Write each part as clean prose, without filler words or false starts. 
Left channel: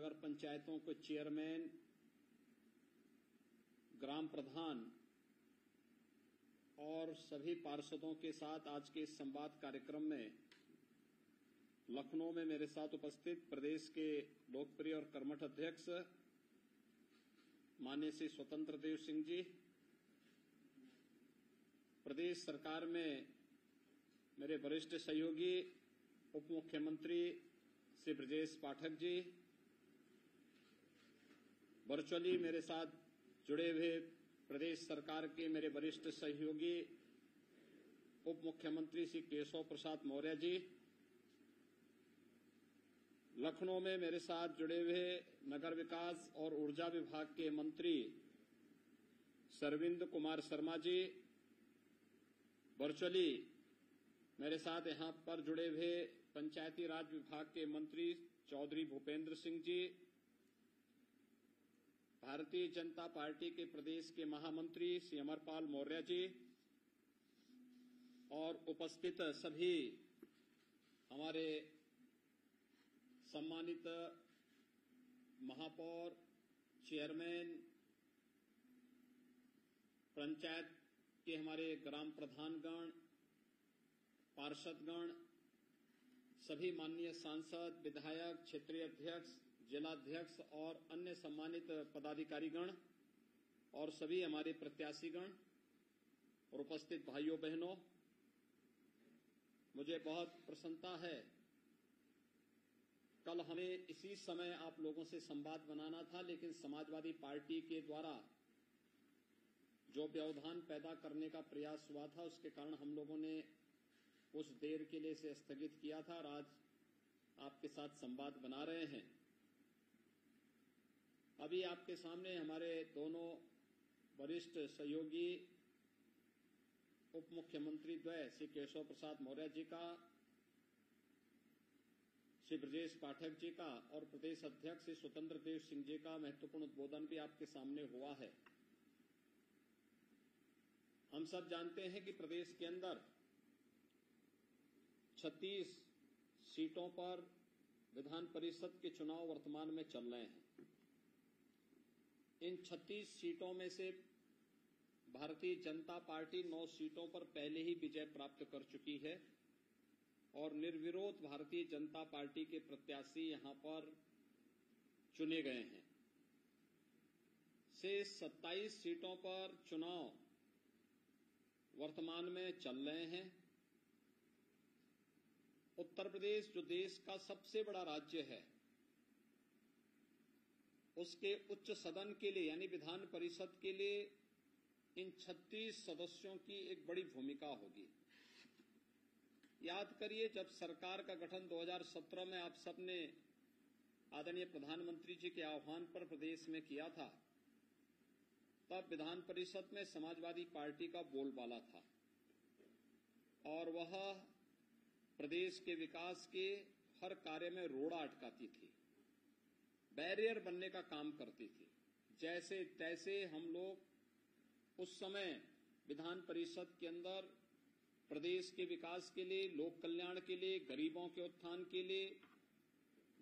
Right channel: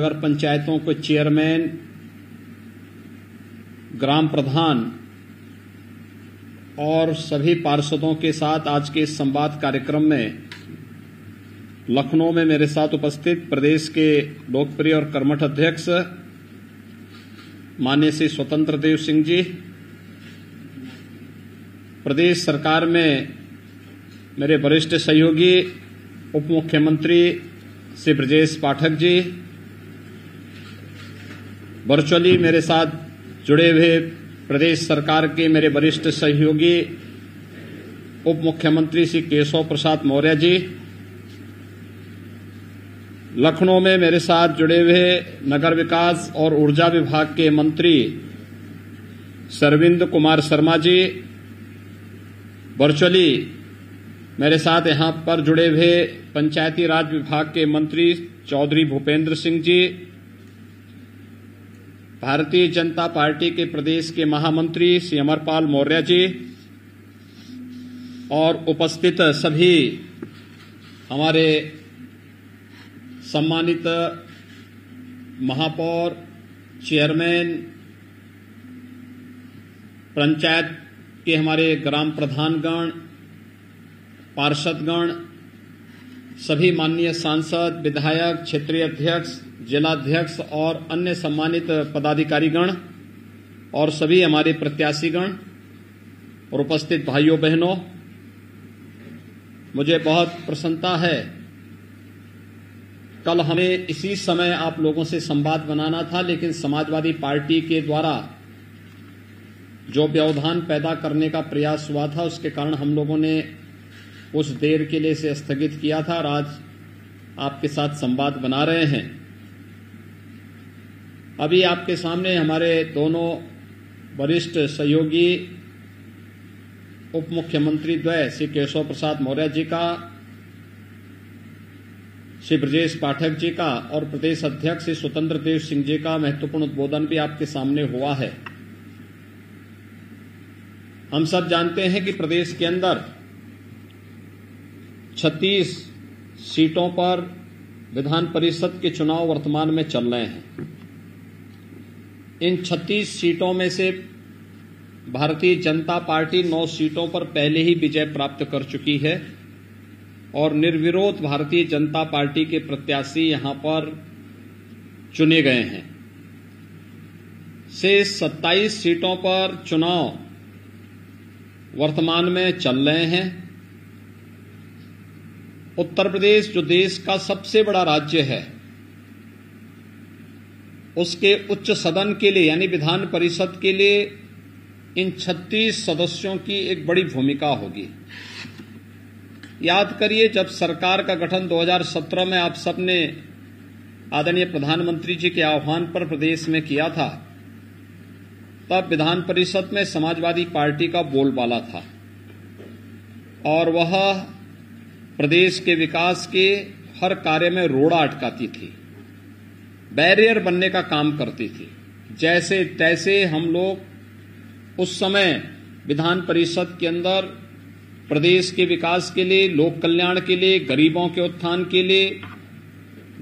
नगर पंचायतों के चेयरमैन, ग्राम प्रधान और सभी पार्षदों के साथ आज के इस संवाद कार्यक्रम में लखनऊ में मेरे साथ उपस्थित प्रदेश के लोकप्रिय और कर्मठ अध्यक्ष माननीय श्री स्वतंत्र देव सिंह जी, प्रदेश सरकार में मेरे वरिष्ठ सहयोगी उप मुख्यमंत्री श्री ब्रजेश पाठक जी, वर्चुअली मेरे साथ जुड़े हुए प्रदेश सरकार के मेरे वरिष्ठ सहयोगी उप मुख्यमंत्री श्री केशव प्रसाद मौर्य जी, लखनऊ में मेरे साथ जुड़े हुए नगर विकास और ऊर्जा विभाग के मंत्री सरविंद कुमार शर्मा जी, वर्चुअली मेरे साथ यहां पर जुड़े हुए पंचायती राज विभाग के मंत्री चौधरी भूपेंद्र सिंह जी, भारतीय जनता पार्टी के प्रदेश के महामंत्री श्री अमरपाल मौर्य जी और उपस्थित सभी हमारे सम्मानित महापौर, चेयरमैन, पंचायत के हमारे ग्राम प्रधानगण, पार्षदगण, सभी माननीय सांसद, विधायक, क्षेत्रीय अध्यक्ष, जिलाध्यक्ष और अन्य सम्मानित पदाधिकारीगण और सभी हमारे प्रत्याशीगण और उपस्थित भाइयों बहनों, मुझे बहुत प्रसन्नता है। कल हमें इसी समय आप लोगों से संवाद बनाना था, लेकिन समाजवादी पार्टी के द्वारा जो व्यवधान पैदा करने का प्रयास हुआ था, उसके कारण हम लोगों ने कुछ देर के लिए इसे स्थगित किया था और आज आपके साथ संवाद बना रहे हैं। अभी आपके सामने हमारे दोनों वरिष्ठ सहयोगी उप मुख्यमंत्री द्वय श्री केशव प्रसाद मौर्य जी का, श्री ब्रजेश पाठक जी का और प्रदेश अध्यक्ष श्री स्वतंत्र देव सिंह जी का महत्वपूर्ण उद्बोधन भी आपके सामने हुआ है। हम सब जानते हैं कि प्रदेश के अंदर 36 सीटों पर विधान परिषद के चुनाव वर्तमान में चल रहे हैं। इन 36 सीटों में से भारतीय जनता पार्टी 9 सीटों पर पहले ही विजय प्राप्त कर चुकी है और निर्विरोध भारतीय जनता पार्टी के प्रत्याशी यहां पर चुने गए हैं। शेष 27 सीटों पर चुनाव वर्तमान में चल रहे हैं। उत्तर प्रदेश जो देश का सबसे बड़ा राज्य है, उसके उच्च सदन के लिए यानी विधान परिषद के लिए इन 36 सदस्यों की एक बड़ी भूमिका होगी। याद करिए, जब सरकार का गठन 2017 में आप सबने आदरणीय प्रधानमंत्री जी के आह्वान पर प्रदेश में किया था, तब विधान परिषद में समाजवादी पार्टी का बोलबाला था और वह प्रदेश के विकास के हर कार्य में रोड़ा अटकाती थी, बैरियर बनने का काम करती थी। जैसे तैसे हम लोग उस समय विधान परिषद के अंदर प्रदेश के विकास के लिए, लोक कल्याण के लिए, गरीबों के उत्थान के लिए,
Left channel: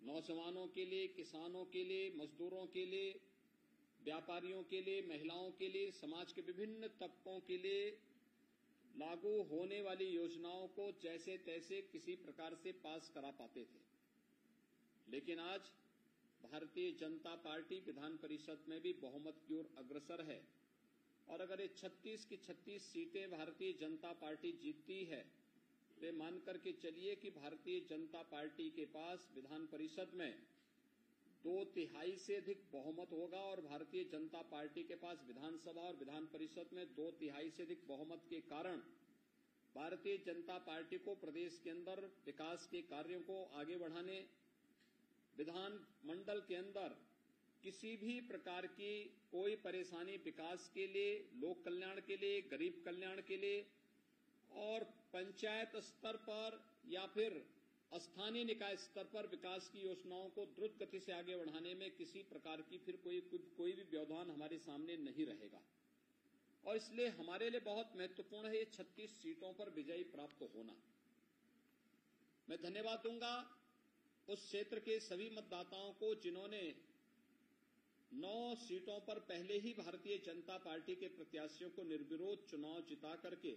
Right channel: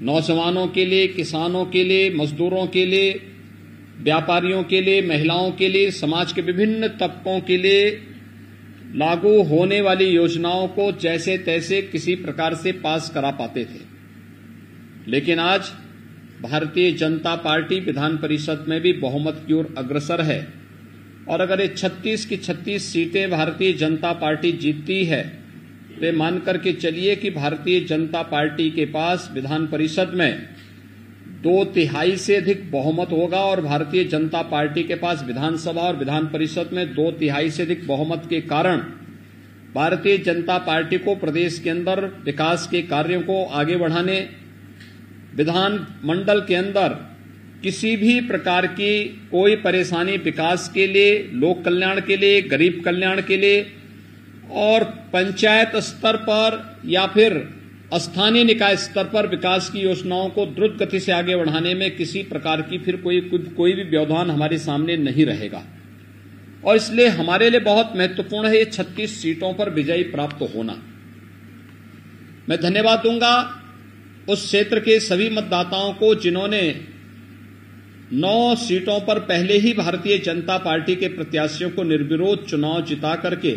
नौजवानों के लिए, किसानों के लिए, मजदूरों के लिए, व्यापारियों के लिए, महिलाओं के लिए, समाज के विभिन्न तबकों के लिए लागू होने वाली योजनाओं को जैसे तैसे किसी प्रकार से पास करा पाते थे। लेकिन आज भारतीय जनता पार्टी विधान परिषद में भी बहुमत की ओर अग्रसर है और अगर ये 36 की 36 सीटें भारतीय जनता पार्टी जीतती है तो ये मान करके चलिए कि भारतीय जनता पार्टी के पास विधान परिषद में 2/3 से अधिक बहुमत होगा और भारतीय जनता पार्टी के पास विधानसभा और विधान परिषद में 2/3 से अधिक बहुमत के कारण भारतीय जनता पार्टी को प्रदेश के अंदर विकास के कार्यों को आगे बढ़ाने, विधान मंडल के अंदर किसी भी प्रकार की कोई परेशानी विकास के लिए, लोक कल्याण के लिए, गरीब कल्याण के लिए और पंचायत स्तर पर या फिर स्थानीय निकाय स्तर पर विकास की योजनाओं को द्रुत गति से आगे बढ़ाने में किसी प्रकार की फिर कोई भी व्यवधान हमारे सामने नहीं रहेगा और इसलिए हमारे लिए बहुत महत्वपूर्ण है ये 36 सीटों पर विजय प्राप्त होना। मैं धन्यवाद दूंगा उस क्षेत्र के सभी मतदाताओं को जिन्होंने 9 सीटों पर पहले ही भारतीय जनता पार्टी के प्रत्याशियों को निर्विरोध चुनाव जिता करके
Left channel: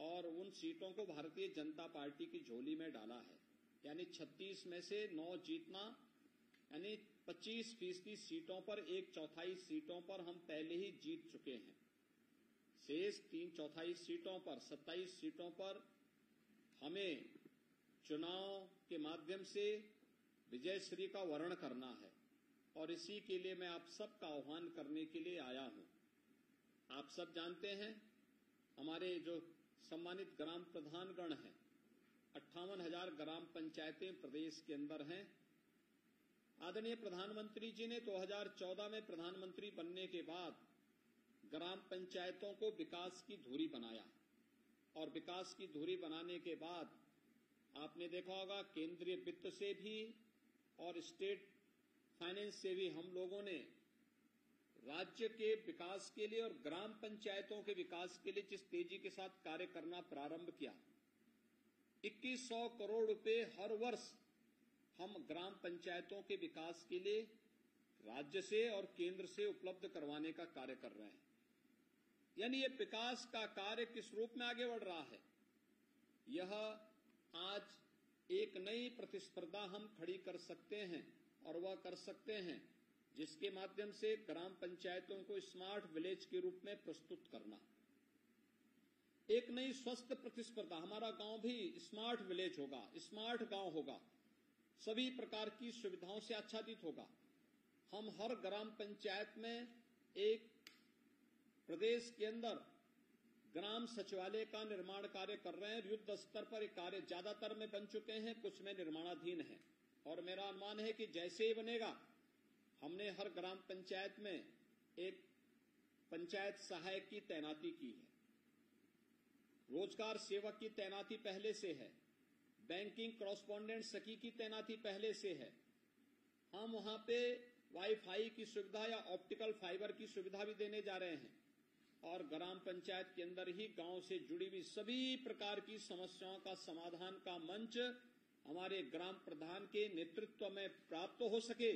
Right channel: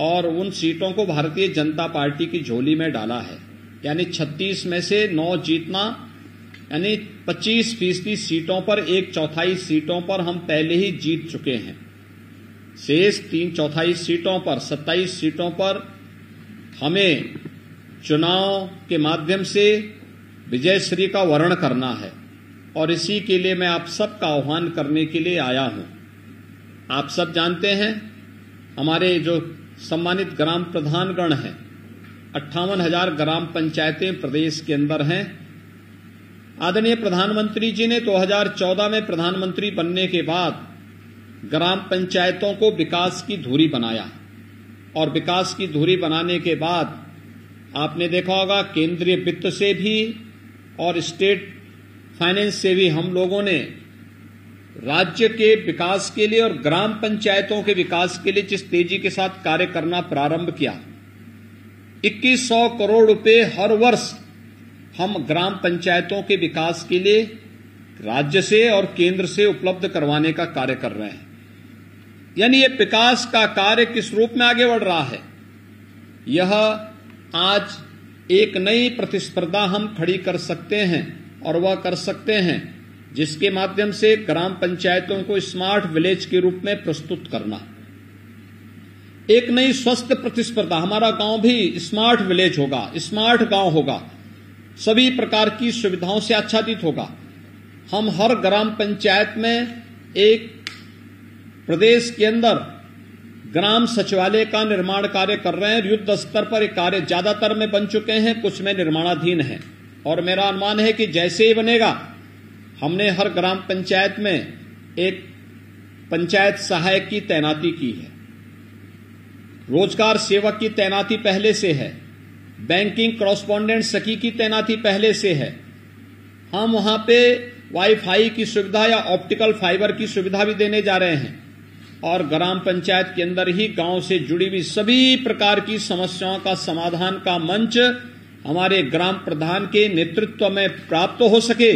और उन सीटों को भारतीय जनता पार्टी की झोली में डाला है। यानी 36 में से 9 जीतना, यानी 25% सीटों पर 1/4 सीटों पर हम पहले ही जीत चुके हैं। शेष 3/4 सीटों पर 27 सीटों पर हमें चुनाव के माध्यम से विजयश्री का वर्ण करना है और इसी के लिए मैं आप सबका आह्वान करने के लिए आया हूं। आप सब जानते हैं हमारे जो सम्मानित ग्राम प्रधानगण हैं, 58,000 ग्राम पंचायतें प्रदेश के अंदर हैं। आदरणीय प्रधानमंत्री जी ने 2014 में प्रधानमंत्री बनने के बाद ग्राम पंचायतों को विकास की धुरी बनाया और विकास की धुरी बनाने के बाद आपने देखा होगा केंद्रीय वित्त से भी और स्टेट फाइनेंस से भी हम लोगों ने राज्य के विकास के लिए और ग्राम पंचायतों के विकास के लिए जिस तेजी के साथ कार्य करना प्रारंभ किया, 2100 करोड़ रुपए हर वर्ष हम ग्राम पंचायतों के विकास के लिए राज्य से और केंद्र से उपलब्ध करवाने का कार्य कर रहे हैं। यानी ये विकास का कार्य किस रूप में आगे बढ़ रहा है, यह आज एक नई प्रतिस्पर्धा हम खड़ी कर सकते हैं और वह कर सकते हैं जिसके माध्यम से ग्राम पंचायतों को स्मार्ट विलेज के रूप में प्रस्तुत करना। एक नई स्वस्थ प्रतिस्पर्धा, हमारा गांव भी स्मार्ट विलेज होगा, स्मार्ट गांव होगा, सभी प्रकार की सुविधाओं से आच्छादित होगा। हम हर ग्राम पंचायत में एक प्रदेश के अंदर ग्राम सचिवालय का निर्माण कार्य कर रहे हैं। युद्ध स्तर पर एक कार्य ज्यादातर में बन चुके हैं, कुछ में निर्माणाधीन है और मेरा अनुमान है कि जैसे ही बनेगा, हमने हर ग्राम पंचायत में एक पंचायत सहायक की तैनाती की है, रोजगार सेवक की तैनाती पहले से है, बैंकिंग कॉरेस्पॉन्डेंट सखी की तैनाती पहले से है। हम वहां पे वाईफाई की सुविधा या ऑप्टिकल फाइबर की सुविधा भी देने जा रहे हैं और ग्राम पंचायत के अंदर ही गांव से जुड़ी हुई सभी प्रकार की समस्याओं का समाधान का मंच हमारे ग्राम प्रधान के नेतृत्व में प्राप्त हो सके,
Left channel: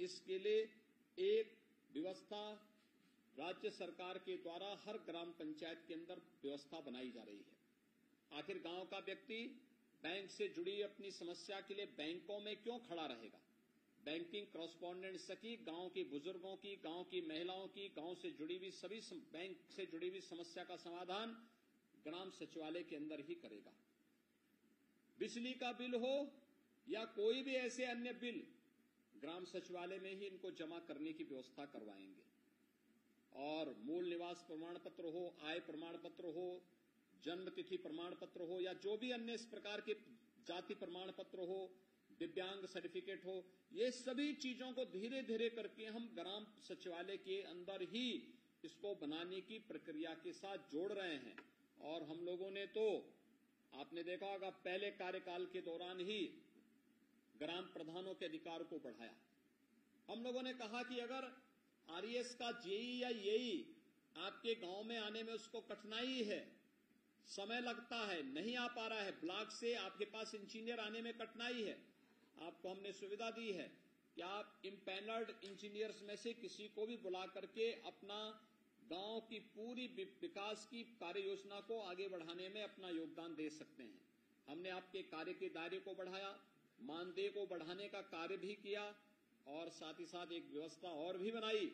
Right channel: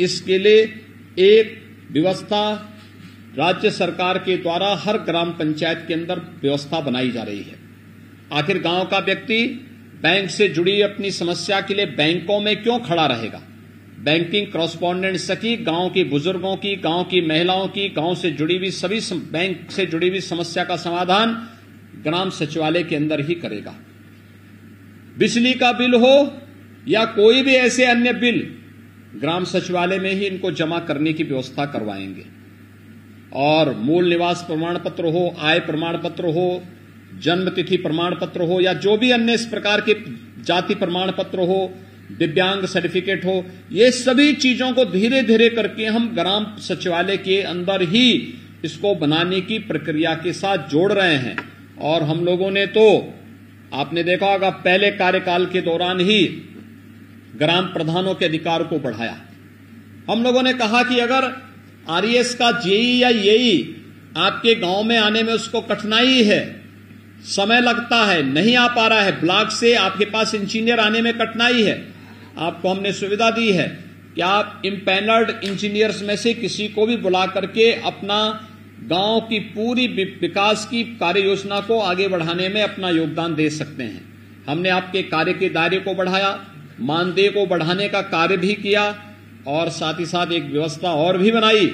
इसके लिए एक व्यवस्था राज्य सरकार के द्वारा हर ग्राम पंचायत के अंदर व्यवस्था बनाई जा रही है। आखिर गांव का व्यक्ति बैंक से जुड़ी अपनी समस्या के लिए बैंकों में क्यों खड़ा रहेगा? बैंकिंग कॉरेस्पॉन्डेंट सखी गांव के बुजुर्गों की, गांव की महिलाओं की, गांव से जुड़ी हुई सभी बैंक से जुड़ी हुई समस्या का समाधान ग्राम सचिवालय के अंदर ही करेगा। बिजली का बिल हो या कोई भी ऐसे अन्य बिल, ग्राम सचिवालय में ही इनको जमा करने की व्यवस्था करवाएंगे। और मूल निवास प्रमाण पत्र हो, आय प्रमाण पत्र हो, जन्म तिथि प्रमाण पत्र हो या जो भी अन्य इस प्रकार के जाति प्रमाण पत्र हो, दिव्यांग सर्टिफिकेट हो, ये सभी चीजों को धीरे धीरे करके हम ग्राम सचिवालय के अंदर ही इसको बनाने की प्रक्रिया के साथ जोड़ रहे हैं। और हम लोगों ने तो आपने देखा होगा पहले कार्यकाल के दौरान ही ग्राम प्रधानों के अधिकार को बढ़ाया। हम लोगों ने कहा कि अगर आरईएस का जेई या येई आपके गांव में आने में उसको कठिनाई है, समय लगता है, नहीं आ पा रहा है, ब्लॉक से आपके पास इंजीनियर आने में कठिनाई है, आपको हमने सुविधा दी है कि आप इम्पैनल्ड इंजीनियर्स में से किसी को भी बुला करके अपना गांव की पूरी विकास की कार्य योजना को आगे बढ़ाने में अपना योगदान दे सकते हैं। हमने आपके कार्य के दायरे को बढ़ाया, मानदेय को बढ़ाने का कार्य भी किया और साथ ही साथ एक व्यवस्था और भी बनाई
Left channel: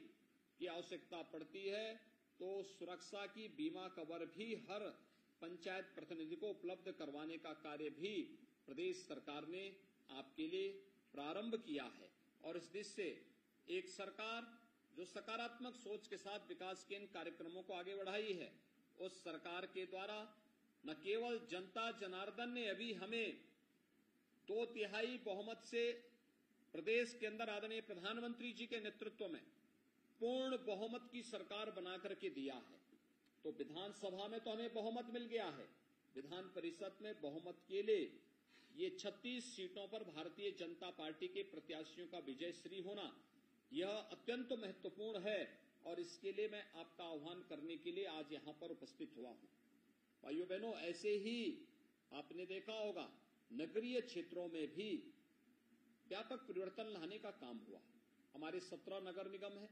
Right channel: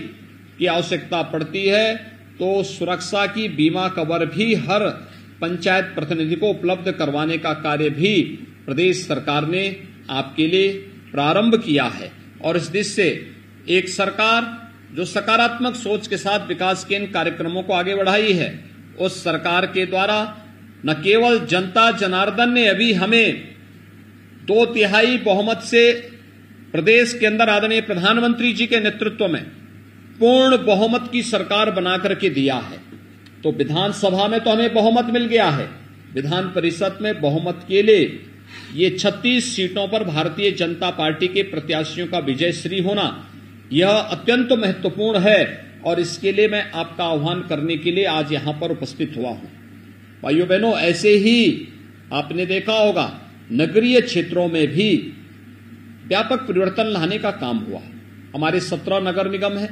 कि आवश्यकता पड़ती है तो सुरक्षा की बीमा कवर भी हर पंचायत प्रतिनिधि को उपलब्ध करवाने का कार्य भी प्रदेश सरकार ने आपके लिए प्रारंभ किया है। और इस दिशा से एक सरकार जो सकारात्मक सोच के साथ विकास के इन कार्यक्रमों को आगे बढ़ाई है, उस सरकार के द्वारा न केवल जनता जनार्दन ने अभी हमें 2/3 बहुमत से प्रदेश के अंदर आदरणीय प्रधानमंत्री जी के नेतृत्व में पूर्ण बहुमत की सरकार बनाकर के दिया है, तो विधानसभा में तो हमें बहुमत मिल गया है, विधान परिषद में बहुमत के लिए ये 36 सीटों पर भारतीय जनता पार्टी के प्रत्याशियों का विजयश्री होना यह अत्यंत महत्वपूर्ण है और इसके लिए मैं आपका आह्वान करने के लिए आज यहां पर उपस्थित हुआ हूं। भाइयों बहनों, ऐसे ही आपने देखा होगा नगरीय क्षेत्रों में भी व्यापक परिवर्तन लाने का काम हुआ। हमारे 17 नगर निगम है।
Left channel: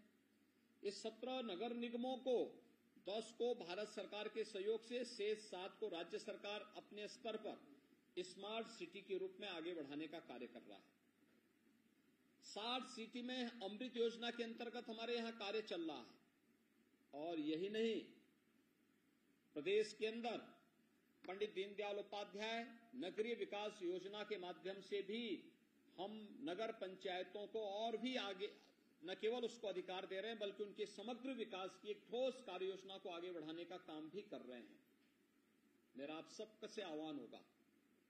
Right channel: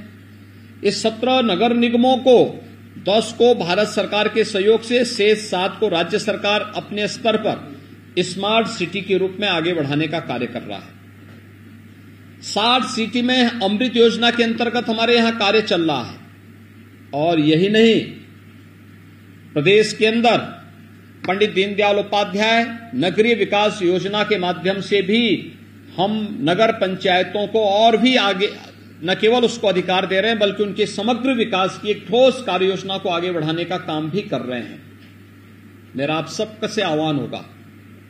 इस 17 नगर निगमों को 10 को भारत सरकार के सहयोग से, शेष 7 को राज्य सरकार अपने स्तर पर स्मार्ट सिटी के रूप में आगे बढ़ाने का कार्य कर रहा है। स्मार्ट सिटी में अमृत योजना के अंतर्गत हमारे यहां कार्य चल रहा है। और यही नहीं, प्रदेश के अंदर पंडित दीनदयाल उपाध्याय नगरीय विकास योजना के माध्यम से भी हम नगर पंचायतों को और भी आगे न केवल उसको अधिकार दे रहे हैं, बल्कि उनके समग्र विकास की एक ठोस कार्य योजना को आगे बढ़ाने का काम भी कर रहे हैं। मेरा आप सबका से आह्वान होगा,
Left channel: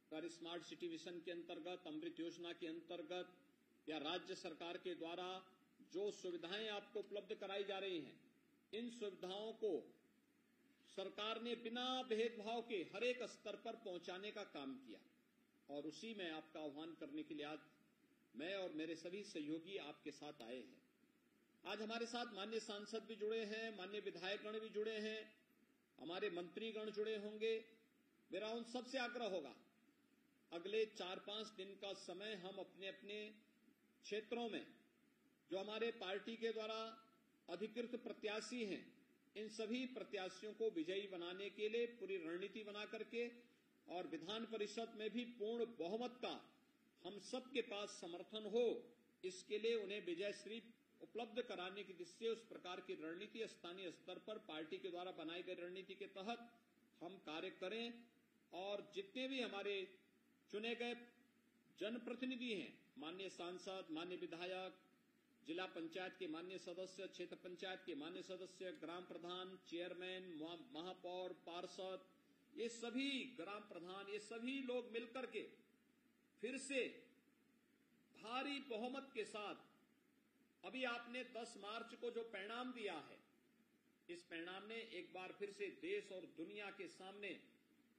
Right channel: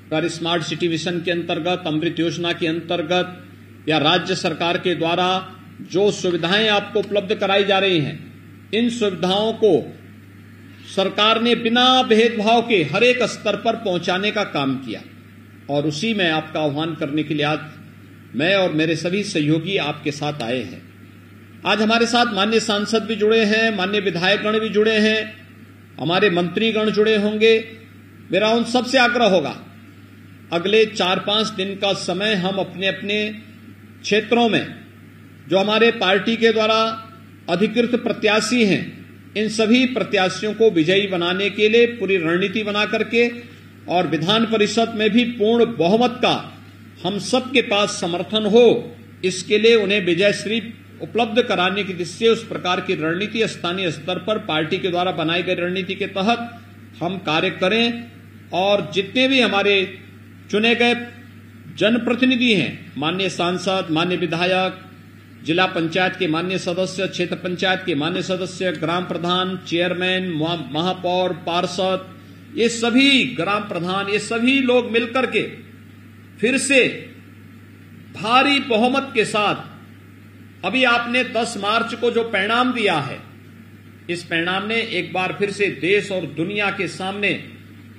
अगर स्मार्ट सिटी मिशन के अंतर्गत, अमृत योजना के अंतर्गत या राज्य सरकार के द्वारा जो सुविधाएं आपको उपलब्ध कराई जा रही हैं, इन सुविधाओं को सरकार ने बिना भेदभाव के हर एक स्तर पर पहुंचाने का काम किया। और उसी में आपका आह्वान करने के लिए आज मैं और मेरे सभी सहयोगी आपके साथ आए हैं। आज हमारे साथ माननीय सांसद भी जुड़े हैं, माननीय विधायकगण भी जुड़े हैं, हमारे मंत्रीगण जुड़े होंगे। मेरा उन सबसे आग्रह होगा, अगले 4-5 दिन का समय हम अपने अपने क्षेत्रों में जो हमारे पार्टी के द्वारा अधिकृत प्रत्याशी हैं, इन सभी प्रत्याशियों को विजयी बनाने के लिए पूरी रणनीति बना करके और विधान परिषद में भी पूर्ण बहुमत का हम सबके पास समर्थन हो, इसके लिए उन्हें विजयश्री उपलब्ध कराने की दिशा से उस प्रकार की रणनीति स्थानीय स्तर पर पार्टी के द्वारा बनाई गई रणनीति के तहत हम कार्य करें। और जितने भी हमारे चुने गए जनप्रतिनिधि हैं, माननीय सांसद, माननीय विधायक, जिला पंचायत के माननीय सदस्य, क्षेत्र पंचायत के माननीय सदस्य, ग्राम प्रधान, चेयरमैन, महापौर, पार्षद, ये सभी ग्राम प्रधान, ये सभी लोग मिलकर के फिर से भारी बहुमत के साथ, अभी आपने 10 मार्च को जो परिणाम दिया है, इस परिणाम ने एक बार फिर से देश और दुनिया के सामने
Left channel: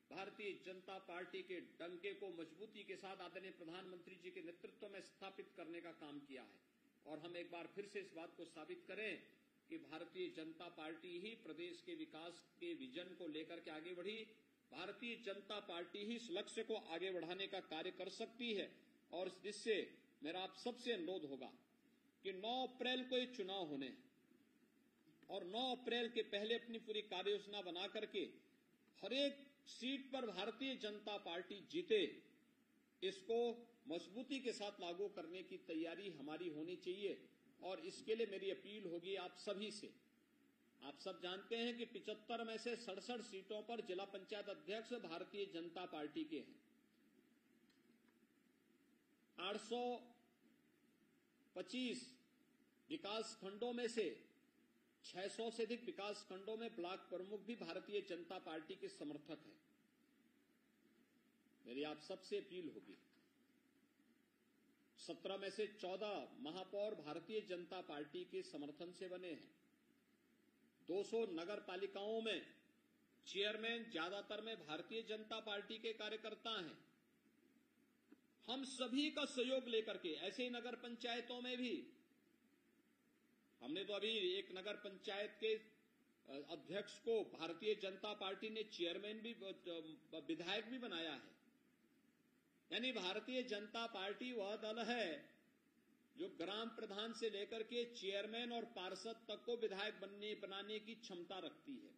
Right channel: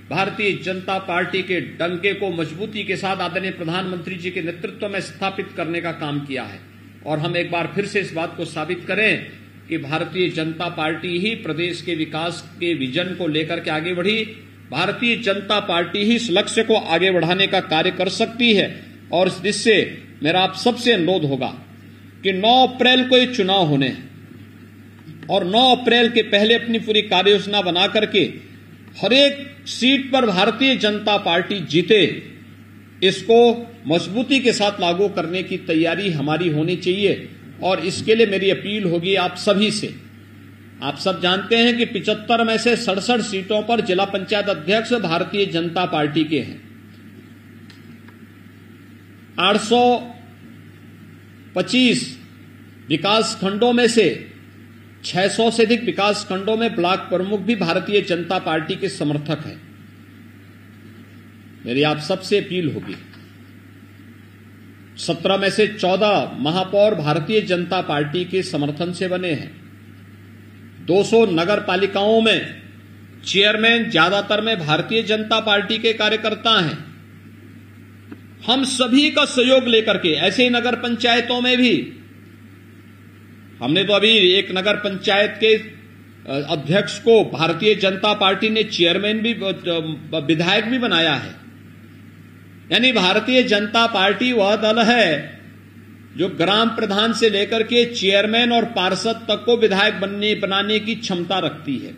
भारतीय जनता पार्टी के डंके को मजबूती के साथ आदरणीय प्रधानमंत्री जी के नेतृत्व में स्थापित करने का काम किया है। और हम एक बार फिर से इस बात को साबित करें कि भारतीय जनता पार्टी ही प्रदेश के विकास के विजन को लेकर के आगे बढ़ी, भारतीय जनता पार्टी ही इस लक्ष्य को आगे बढ़ाने का कार्य कर सकती है। और इस दिशा से मेरा आप सबसे अनुरोध होगा कि 9 अप्रैल को ये चुनाव होने हैं और 9 अप्रैल के पहले अपनी पूरी कार्य योजना बना करके हर एक सीट पर भारतीय जनता पार्टी जीते, इसको मजबूती के साथ लागू करने की तैयारी हमारी होनी चाहिए। और इसके लिए मेरी अपील होगी आप सभी से। आप सब जानते हैं कि 75 में से 67 सीटों पर जिला पंचायत अध्यक्ष भारतीय जनता पार्टी के हैं। 825 विकास खंडों में से 600 से अधिक विकास खंडों में ब्लॉक प्रमुख भी भारतीय जनता पार्टी के समर्थक हैं। मेरी आप सबसे अपील होगी, 17 में से 14 महापौर भारतीय जनता पार्टी के समर्थन से बने हैं। 200 नगर पालिकाओं में चेयरमैन ज्यादातर में भारतीय जनता पार्टी के कार्यकर्ता हैं। हम सभी का सहयोग लेकर के ऐसे ही नगर पंचायतों में भी, हमने तो अभी एक नगर पंचायत के अध्यक्ष को भारतीय जनता पार्टी ने चेयरमैन भी, विधायक भी बनाया है। यानी भारतीय जनता पार्टी वह दल है जो ग्राम प्रधान से लेकर के चेयरमैन और पार्षद तक को विधायक बनाने की क्षमता रखती है।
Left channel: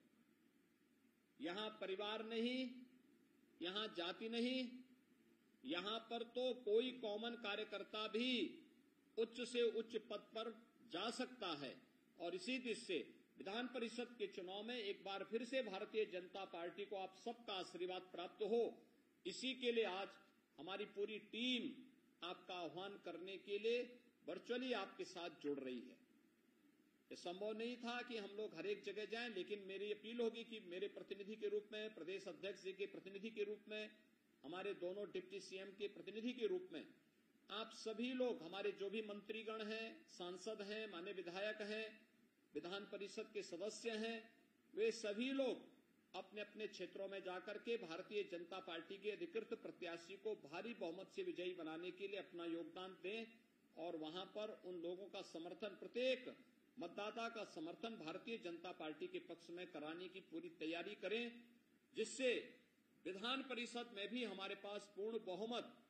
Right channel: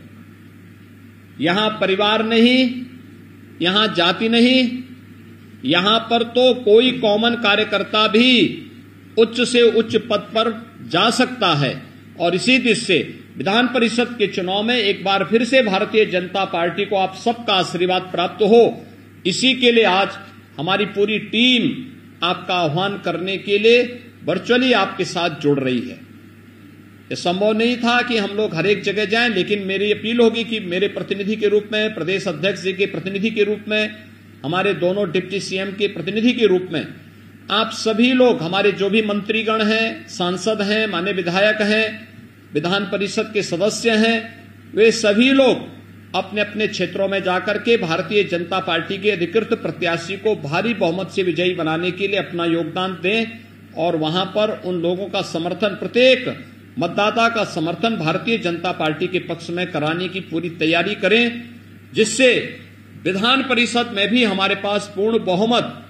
यहां परिवार नहीं, यहां जाति नहीं, यहां पर तो कोई कॉमन कार्यकर्ता भी उच्च से उच्च पद पर जा सकता है। और इसी दिशा से विधान परिषद के चुनाव में एक बार फिर से भारतीय जनता पार्टी को आप सबका आशीर्वाद प्राप्त हो, इसी के लिए आज हमारी पूरी टीम आपका आह्वान करने के लिए वर्चुअली आपके साथ जुड़ रही है। यह संभव नहीं था कि हम लोग हर एक जगह जाएं, लेकिन मेरी अपील होगी कि मेरे प्रतिनिधि के रूप में, प्रदेश अध्यक्ष जी के प्रतिनिधि के रूप में, हमारे दोनों डिप्टी सीएम के प्रतिनिधि के रूप में आप सभी लोग, हमारे जो भी मंत्रीगण हैं, सांसद हैं, माननीय विधायक हैं, विधान परिषद के सदस्य हैं, वे सभी लोग अपने अपने क्षेत्रों में जाकर के भारतीय जनता पार्टी के अधिकृत प्रत्याशी को भारी बहुमत से विजयी बनाने के लिए अपना योगदान दें। और वहां पर उन लोगों का समर्थन, प्रत्येक मतदाता का समर्थन भारतीय जनता पार्टी के पक्ष में कराने की पूरी तैयारी करें, जिससे विधान परिषद में भी हमारे पास पूर्ण बहुमत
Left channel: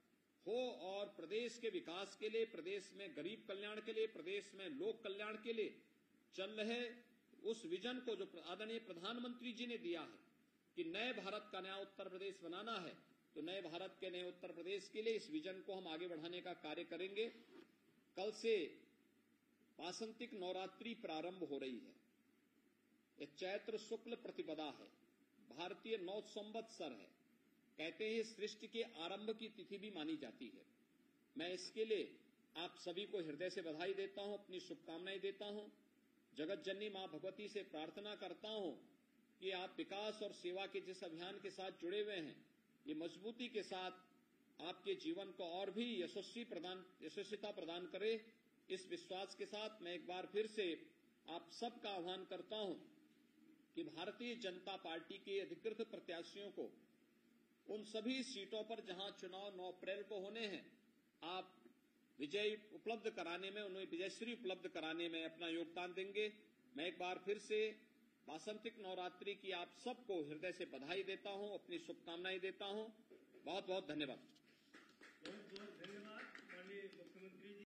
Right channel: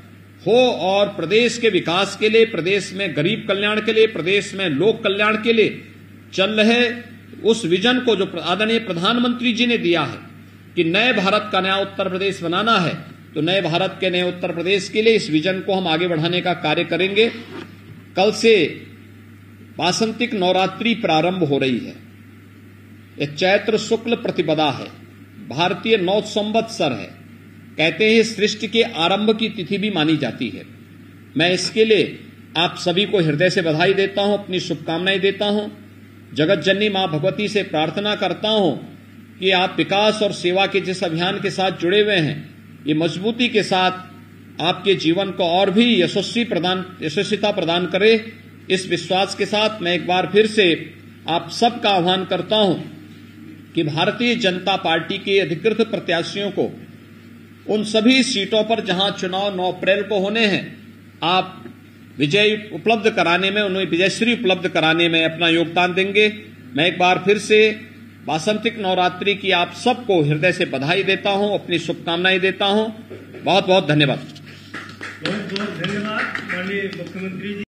हो और प्रदेश के विकास के लिए, प्रदेश में गरीब कल्याण के लिए, प्रदेश में लोक कल्याण के लिए चल रहे उस विजन को जो आदरणीय प्रधानमंत्री जी ने दिया है कि नए भारत का नया उत्तर प्रदेश बनाना है, तो नए भारत के नए उत्तर प्रदेश के लिए इस विजन को हम आगे बढ़ाने का कार्य करेंगे। कल से वासंतिक नवरात्रि प्रारंभ हो रही है। यह चैत्र शुक्ल प्रतिपदा है, भारतीय नव संवत्सर है। कहते हैं सृष्टि के आरंभ की तिथि भी मानी जाती है। मैं इसके लिए आप सभी को हृदय से बधाई देता हूं, अपनी शुभकामनाएं देता हूं। जगत जननी मां भगवती से प्रार्थना करता हूं कि आप विकास और सेवा के जिस अभियान के साथ जुड़े हुए हैं, ये मजबूती के साथ आपके जीवन को और भी यशस्विता प्रदान करे। इस विश्वास के साथ मैं एक बार फिर से आप सबका आह्वान करता हूं कि भारतीय जनता पार्टी के अधिकृत प्रत्याशियों को उन सभी सीटों पर जहां चुनाव 9 अप्रैल को होने हैं, आप विजय उपलब्ध कराने में, उन्हें विजयश्री उपलब्ध कराने में अपना योगदान देंगे। मैं एक बार फिर से वासंतिक नवरात्रि की आप सबको हृदय से बधाई देता हूं, अपनी शुभकामनाएं देता हूं। बहुत बहुत धन्यवाद। बहुत बहुत धन्यवाद माननीय मुख्यमंत्री जी।